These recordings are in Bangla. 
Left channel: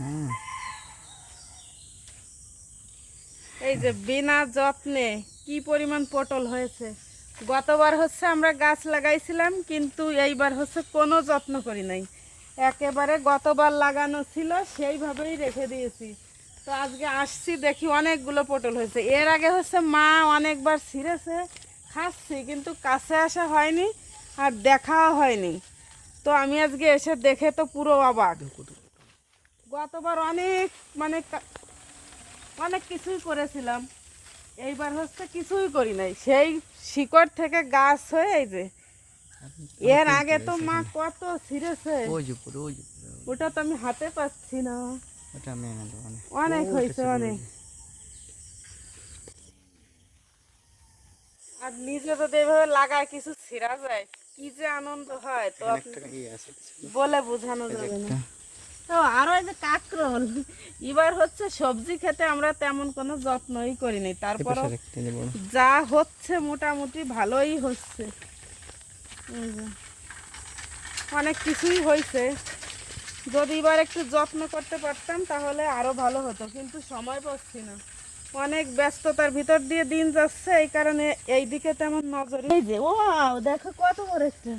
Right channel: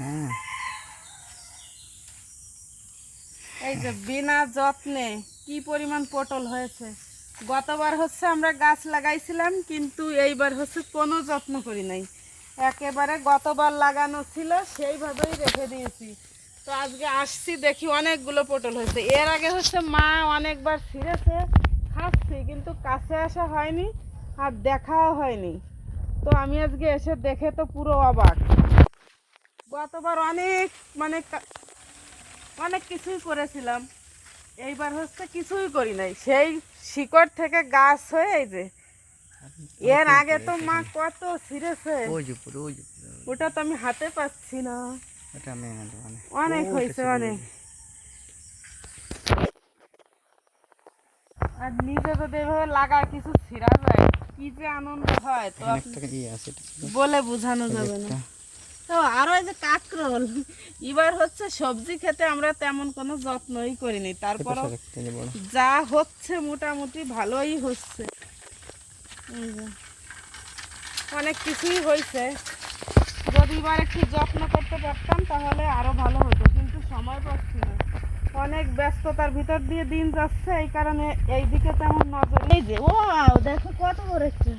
হ্যাঁ, এই যে বিনা যত্নে কি পরিমাণ পটল হয়েছে। গতবার হচ্ছে আমরা গাছ লাগাইছিলাম, কিন্তু এইবার হচ্ছে কোনো যত্ন করি নাই, একেবারে গতবার লাগানো ছিল সেইভাবেই রেখে দিয়েছি। তো আজকে আসছি, দেখি অনেকগুলো পটল হয়েছে। এর আগে হচ্ছে মা অনেকবার ছিঁড়েছে, খাচ্ছি, কিন্তু কাছে আসা হয়নি আর দেখাও হয়নি। তো আমি আজকে এসে দেখে তো পুরো অবাক। গতবার অনেক মানে অনেক কিছুই করেছিলাম, এইবার হচ্ছে কিছুই করি নাই, সেই শিকড় থেকে গাছ হয়ে এই যে। এর আগে তো মা কত ছিঁড়েছে, ওই যে পুরো ওই যে পুরো ওটা তো আমি হাতে পাচ্ছি না। এটা আমি অনেক হয়েছে, অনেক। আর নিজে যদি এভাবে লাগায় কিছু ছিঁড়া যায়, কি যে আনন্দ হয় তো একটা আছে, এটা ছিল বলে বোঝানো যাবে না। তো আরো এই যে কাঁকরোল, এবার হচ্ছে সবজি খেতে আমরা তেমন কোনো যত্নই করিনি, তারপর যা হচ্ছে মোটামুটি ভালোই হচ্ছে। এই যে অনেক কিছুই হয়েছে, যদি এবার একটু যত্ন করতে পারতাম তাহলে আরো ভালো হতো, কিন্তু সময় পাচ্ছি না, অনেক ব্যস্ততার ভিতর দিয়ে দিন যাচ্ছে, এই কারণে এই দিকে তেমন নজর। এই যে ও দেখো কত বড় একটা।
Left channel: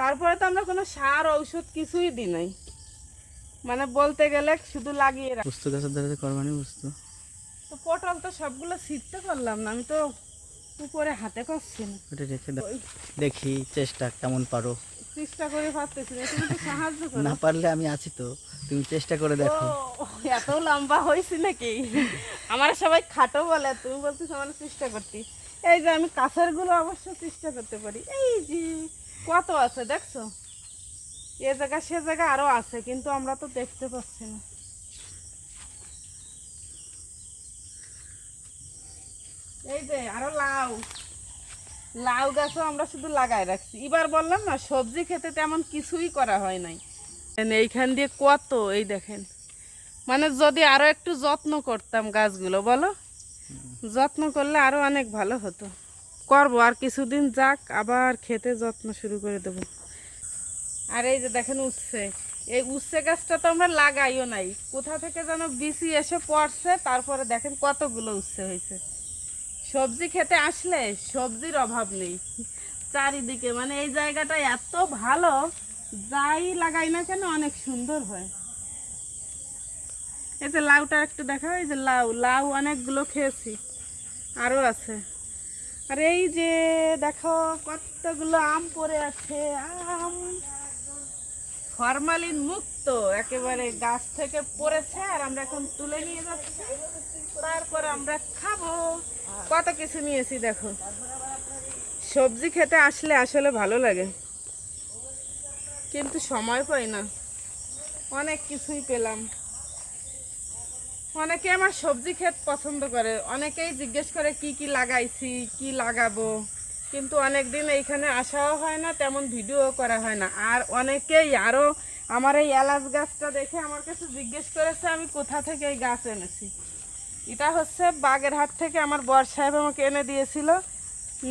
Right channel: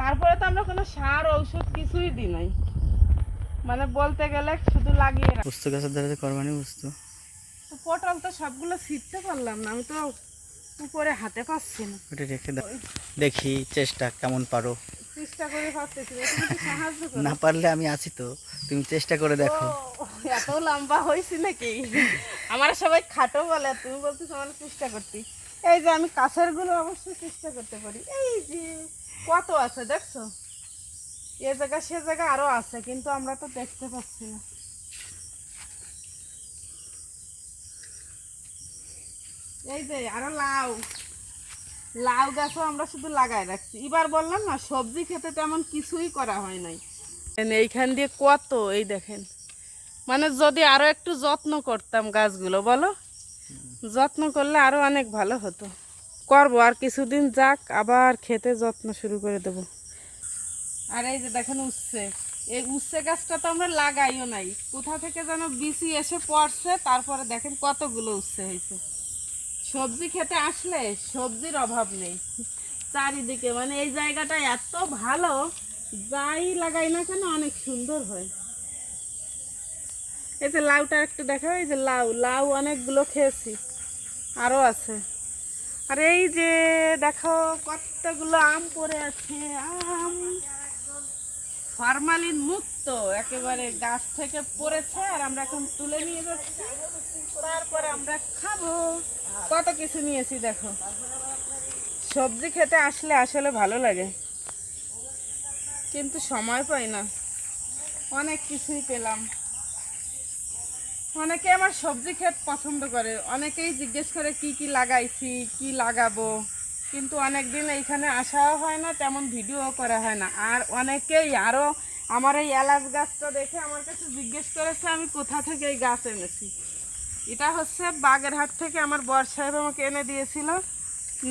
তারপরে তো আমরা কোনো সার ঔষধ কিছুই দিই নাই, মানে বলতে গেলে শুধু লাগিয়ে রাখ। বুঝতো গাছের ধারে করবানি বুঝতো। তো পটল তো সবগুলো ছিঁড়তে পারলাম না, আমি তো উপরে হাতে পাচ্ছি না। ওটা রেখে দাও, দেখি চেষ্টা কেমন পারো। চেষ্টা করে পারতেছি না, তুমি একটু সাহায্য করো। না পারলে আমি আছি তো, তুমি চেষ্টা করে দেখো। ও এত লম্বা হয়েছি নাকি? আমার সবাই খাটো বলে, তুমি বলছিস আমার চেষ্টা করতে। এই যে আমি কাছের গুলো অবশ্যই চেষ্টা করতে পারি। এই যে কত আছে দেখছো, এ জায়গা সে জায়গা আরো আছে, কিন্তু আমরা তো দেখতে পাচ্ছি না। এই যে আরো লাউ, লাউ গাছও আমরা শুধু লাগাই রাখছি। এবার বললাম না সবজি খেতে তেমন কিছুই করা হয় নাই। এইখান দিয়ে কত, এই দেখেন, মানে যদি আরো একটু যত্ন করতাম গাছগুলো, বলো, যত্ন করলে আরো অনেক ভালো হতো। করবো, আর কিছুদিন যাক, আবার খেতে যত্ন শুরু করে দেবো। আর এই যে দেখেন উচ্ছে, এই উচ্ছে গাছটা তো আমরা লাগাইও নাই, কোথা থেকে যেন বিচি এসে পড়ছে, তারপরে দেখেন কতগুলো উচ্ছে হয়েছে। সবজি খেতে আসলে সবজির অভাব নেই চারিদিকে, মানে এই জায়গাটা এত ভালো, যাই লাগাই না কেন অনেক সুন্দর হয়। এই যে লাউটা একটু দেখো, এই যে লাউ, লাউ অনেকগুলো খেয়েছি, আরো আছে। আর এই যে দেখো কতগুলো আম পড়ে আছে, আম ফরমালিন মুক্ত, একেবারে গাছ থেকে পড়েছে, আর আমরা এখন তুলে নিয়ে যাচ্ছি, তারপর আমরা খাবো। কত কিছু নিয়েছি দেখো। সবজি খেতে আসলে আসলে ভালো লাগে, কিন্তু সময় পাই না। অনেক কিছুই পেলাম। অনেকে আমার সবজি খেতে পছন্দ করে, অনেকেই জিজ্ঞেস করে কি কি লাগাইছি, কি লাগাবো, কিন্তু অনেক দিন এইখানে আসাও হয় না, তেমন ভিডিও করা হয় না। আর অনেকেই আরও আমার এই এলাচ গাছটা দেখে আমার কাছে জিজ্ঞেস করেছে আমি কোথা থেকে এই গাছ এনেছি। এটা হচ্ছে বাগেরহাট থেকে আমার বর সাহেব আমাকে এনে দিয়েছিল।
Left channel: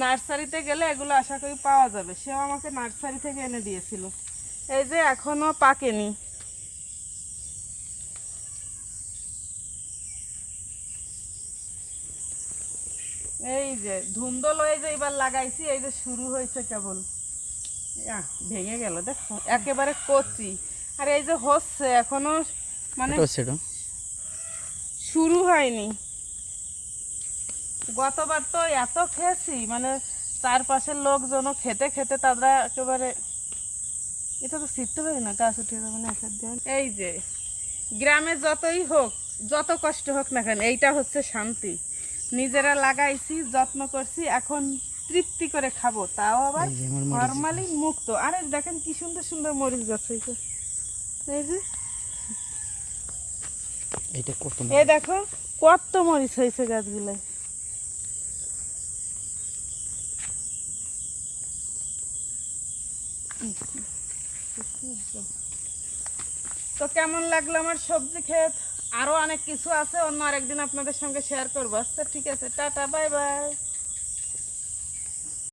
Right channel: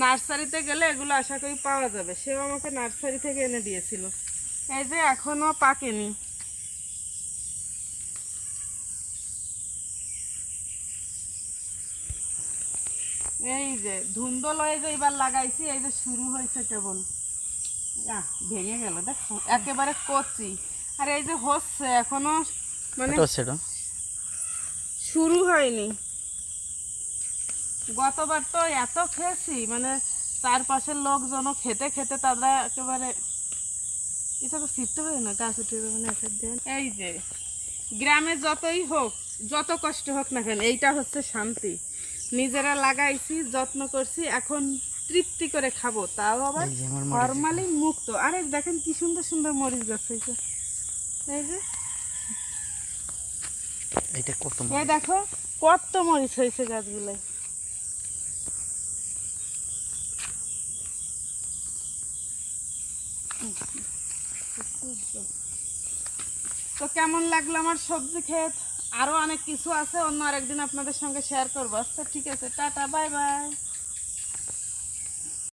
নার্সারিতে গেলে এগুলো আশা করি পাওয়া যাবে, সেও আমাকে নার্সারি থেকে এনে দিয়েছিল। এই যে এখনও পাকেনি। এই যে ধুন্দল, এই যে এবার লাগাইছি, এই যে শুরু হয়েছে কেবল, ভেঙে গেল দেখো, একেবারে কচি। আর এই যে হচ্ছে এখনো, মানে শুরু হয়নি। গতবার তো এত খেয়েছি, মানে চারপাশের লোকজনও খেতে খেতে তারা একেবারে, এটা তো শিখতে পারি না, গাছ উঠে যাবে না। এই যে গ্রামে যতই হোক, যত কষ্ট হোক না কেন, এইটা হচ্ছে শান্তি। নিজেরা লাগাইছি, যত্ন করছি, এখন তৃপ্তি করে খাবো, তাও আবার ফরমালিন মুক্ত। আরে দেখেন কি সুন্দর সুন্দর মরিচ গাছ হয়েছে। এই যে এই দেখো কত মরিচ হয়েছে গাছগুলো। তো কেমন লাগলো আমার সবজি ক্ষেত? আরো অনেক কিছু আছে, অন্য আরেকদিন আপনাদের সঙ্গে শেয়ার করবো। আচ্ছা ঠিক আছে, টাটা, বাই বাই।